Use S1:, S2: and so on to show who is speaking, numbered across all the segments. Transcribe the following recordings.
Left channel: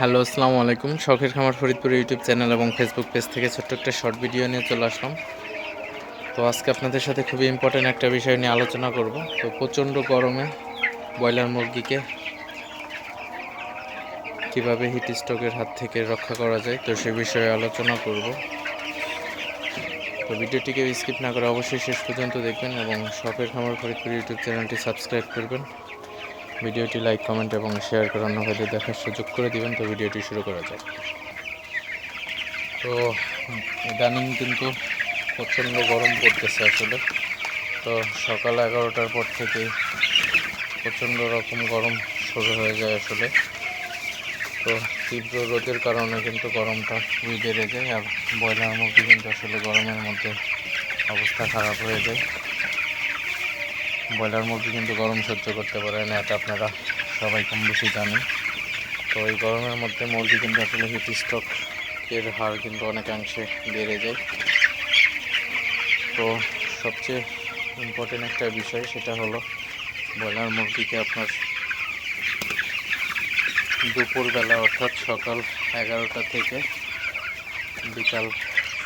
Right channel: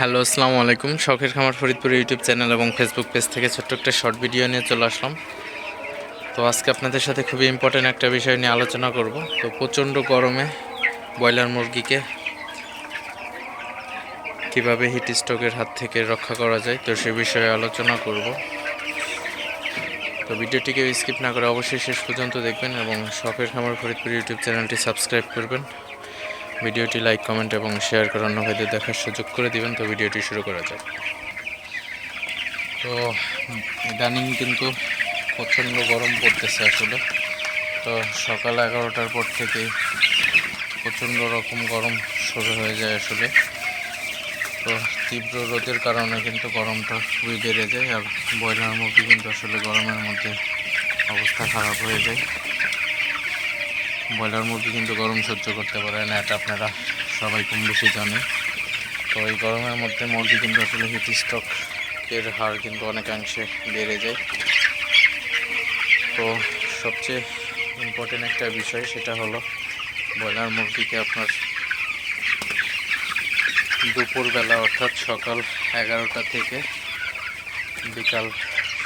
S1: Hello, আসসালামু আলাইকুম। শখের খামার ফরিদপুর ইউটিউব চ্যানেল এবং ফেসবুক পেজ থেকে ছোট্ট একটা শর্ট ভিডিও নিয়ে চলে আসলাম। তো আজকে আপনাদের সাথে খুবই ইম্পর্ট্যান্ট একটা বিষয় নিয়ে আলোচনা করব। তো প্রচণ্ড গরমে ব্রয়লার মুরগিকে কীভাবে হিট স্ট্রোকের হাত থেকে রক্ষা করা যায়, তো সে বিষয়ে আলোচনা করব। তো ভিডিওটিকে স্কিপ না করে অবশ্যই শেষ পর্যন্ত দেখবেন এবং শখের খামার ফরিদপুর ইউটিউব চ্যানেলটি সাবস্ক্রাইব করবেন। ভিডিওটি লাইক, কমেন্ট এবং শেয়ার করে অন্য ভাইদের দেখার সুযোগ করে দিবেন। তো ভিডিওটি শুরু করা যাক। তো, ইদানিং কিন্তু প্রচণ্ড গরম পড়তেছে আসলে। তো সকাল এগারোটার পর থেকেই প্রচণ্ড রকম গরম শুরু হয়ে যায় আসলে। তো তীব্র রোদের কারণে কিন্তু গরমটা খুবই বেড়ে যায় আর ব্রয়লার মুরগি কিন্তু আসলে গরমের মধ্যে অবস্থা খারাপ হয়ে যায়। ব্রয়লার মুরগি কিন্তু গরম সহ্য করতে পারে না, এটা আপনারা সবাই কম বেশি জানেন। তো এই গরমের মধ্যে মুরগি কিন্তু আসলে হিট স্ট্রোকের হার কিন্তু অনেকাংশে বেড়ে যায়। তো সবচেয়ে ইম্পর্টেন্ট একটা বিষয় সেটা হলো ব্রয়লার মুরগিকে আপনার দুপুরবেলা অর্থাৎ সকাল এগারোটা থেকে বিকাল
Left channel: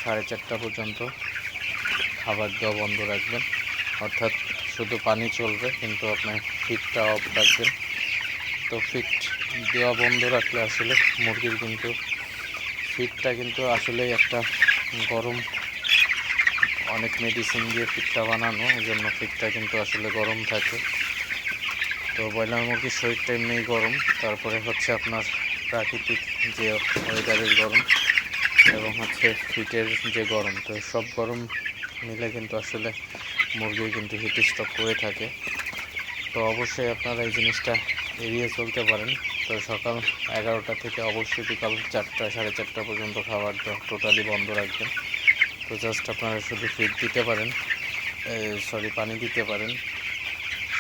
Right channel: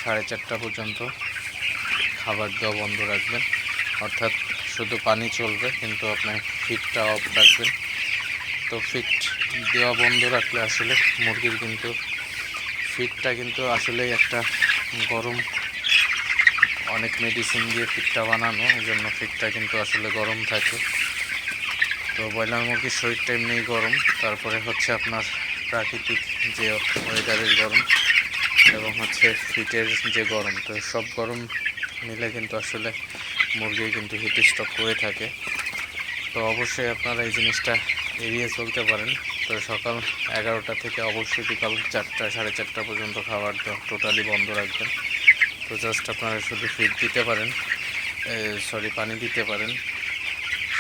S1: সাড়ে চারটা পর্যন্ত খাবার দেওয়া বন্ধ রাখবেন। অর্থাৎ শুধু পানি চলবে, কিন্তু আপনার ফিটটা অফ রাখবেন। তো ফিট দেওয়া বন্ধ রাখলে আসলে মুরগির কিন্তু ফিটটা কিন্তু আসলেই একটা গরম, অনেক মেডিসিন দিয়ে ফিটটা বানানো এই জন্য ফিটটা কিন্তু আসলে গরম থাকে। তো ব্রয়লার মুরগির শরীরটা এমনিই গরম, তারপরে হচ্ছে আপনার প্রাকৃতিক যে ওয়েদারের গরম এবং হচ্ছে ফিটের যে গরম, তো সব গরম মিলে কিন্তু আসলে মুরগি কিন্তু হিট স্টক করে থাকে। তো অবশ্যই আপনারা এই জিনিসটা এড়িয়ে চলতে পারেন। তো সকাল এগারোটা থেকে অবশ্যই বিকাল চারটা, সাড়ে চারটা পর্যন্ত খাবার টোটালি বন্ধ রাখবেন। তো জাস্ট আপনারা শুধু ফিট দিতে পারেন সরি পানি দিতে পারেন।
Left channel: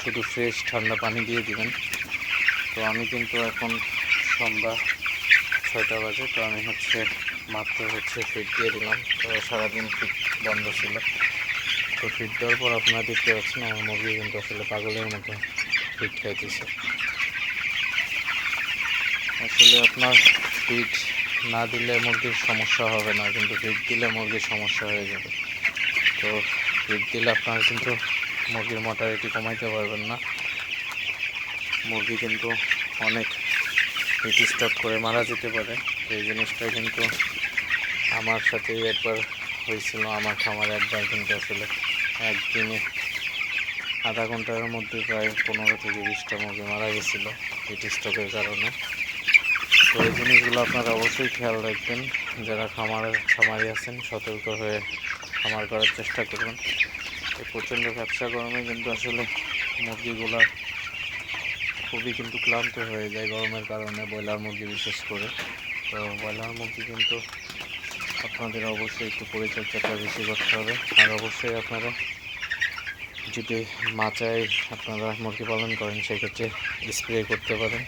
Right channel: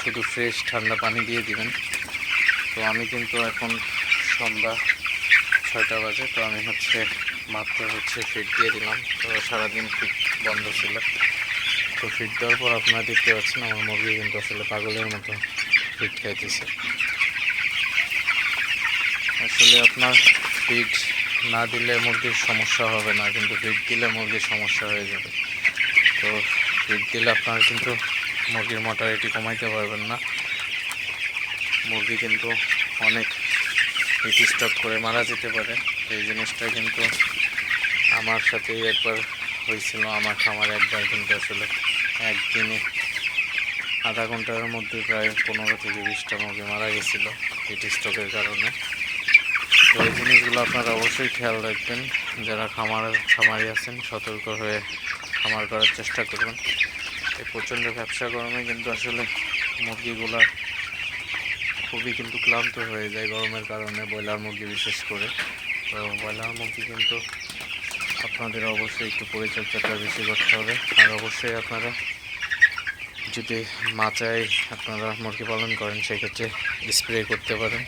S1: শুধু ফ্রেশ ঠান্ডা পানি দিয়ে দিবেন। তো আমি কিন্তু এখন সন্ধ্যা ছয়টা বাজে, তো আমি হচ্ছে মাত্র হচ্ছে ফিট দিয়ে দিলাম। তো সারাদিন ফিট বন্ধ ছিল। তো ফিট দেওয়ার পর আপনারা দেখতে পাচ্ছেন আমার মুরগি কিন্তু আসলে পাগলের মতো ফিট খাইতেছে। আসলে আপনার ফিট না দিলে মুরগির সমস্যা হবে না, কিন্তু ফিট দিলে মুরগির সমস্যা হয়ে যাবে। তো ফিট দিলে আপনার কিন্তু মুরগির মর্টালিটি কমাইতে পারবেন না। মুরগি কিন্তু অনেক হিট স্টক করে মারা যেতে পারে। এই জিনিসটা কিন্তু আমার সাথেই একবার হয়েছিল, আমার খামারে একবার কিন্তু আসলে একদিনে আধা ঘণ্টার মধ্যে প্রায় পনেরো থেকে বিশটা মুরগি মারা গেছিল হিট স্ট্রোকের কারণে। তো এই জিনিসগুলো আপনারা অবশ্যই খেয়াল রাখবেন। যারা খামার, খামারি আছেন, সতর্ক হয়ে খামার করার চেষ্টা করবেন। এই প্রচণ্ড ব্যবসা গরমে কিন্তু আসলে মুরগিগুলা খুবই কিন্তু ক্লান্ত হয়ে যায় গরমের কারণে, ব্রয়লার মুরগি বিশেষ করে। তো ব্রয়লার মুরগি কিন্তু আপনাদের অবশ্যই একটু পরিচর্যাটা বেশি করতে হবে। আর অবশ্যই আপনারা যদি মাচায় আপনারা মুরগি পালন করেন, সেক্ষেত্রে স্প্রে করতে পারেন।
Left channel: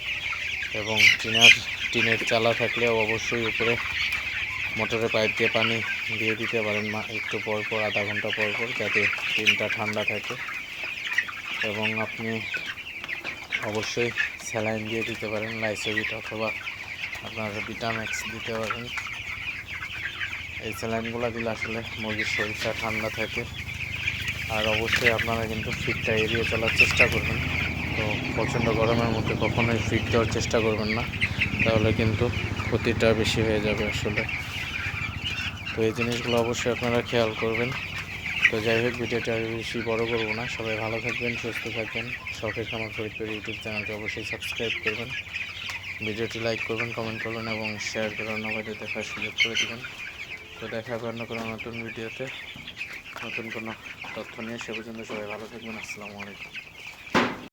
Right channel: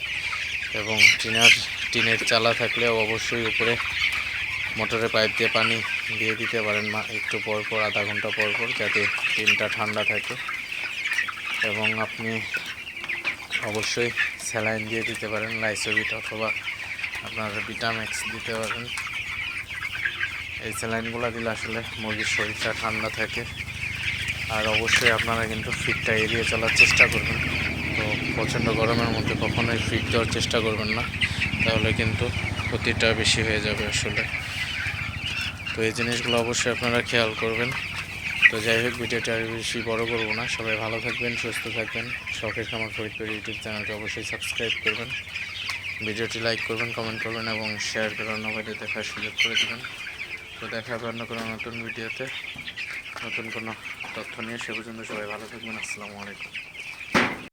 S1: এবং টিনার, টিনের চালা থাকলেও অবশ্যই উপরে মোটরের পাইপ দিয়ে পানি দিয়ে দিতে পারেন। একটু পর পর, আধা ঘণ্টা পর পর, যাতে টিনটা ঠান্ডা থাকে। এবং আপনি অবশ্যই স্যালাইন দিয়ে দিতে পারেন লাইসোভিট অথবা আপনার ভিটামেক্স দিতে পারেন। এই স্যালাইনগুলো দিলে আসলে মুরগির শরীরটা ঠান্ডা থাকে। আর অবশ্যই আপনারা কিন্তু ফিটটা এড়িয়ে চলার চেষ্টা করবেন। তো প্রচণ্ড গরমের মধ্যে কখনোই ফিট দেওয়ার চেষ্টা করবেন না। তাহলে কিন্তু ক্ষতিটা বেশি হয়ে যাবে আসলে। তো এই জিনিসগুলো অবশ্যই আপনারা খেয়াল করবেন। তো যাই হোক, ভিডিওটা আর বেশি বড় করব না। সবাই ভালো থাকবেন, সুস্থ থাকবেন। শখের খামার ফরিদপুর ইউটিউব চ্যানেলটি অবশ্যই সাবস্ক্রাইব করবেন। ভিডিওটি লাইক করবেন, কমেন্ট করবেন এবং শেয়ার করে অন্য দেখার সুযোগ করে দেবেন। তো দেখা হবে অন্য কোনো নতুন ভিডিওতে। নতুন কোনো তথ্য নিয়ে সে পর্যন্ত সবাই ভালো থাকবেন। আসসালামু আলাইকুম।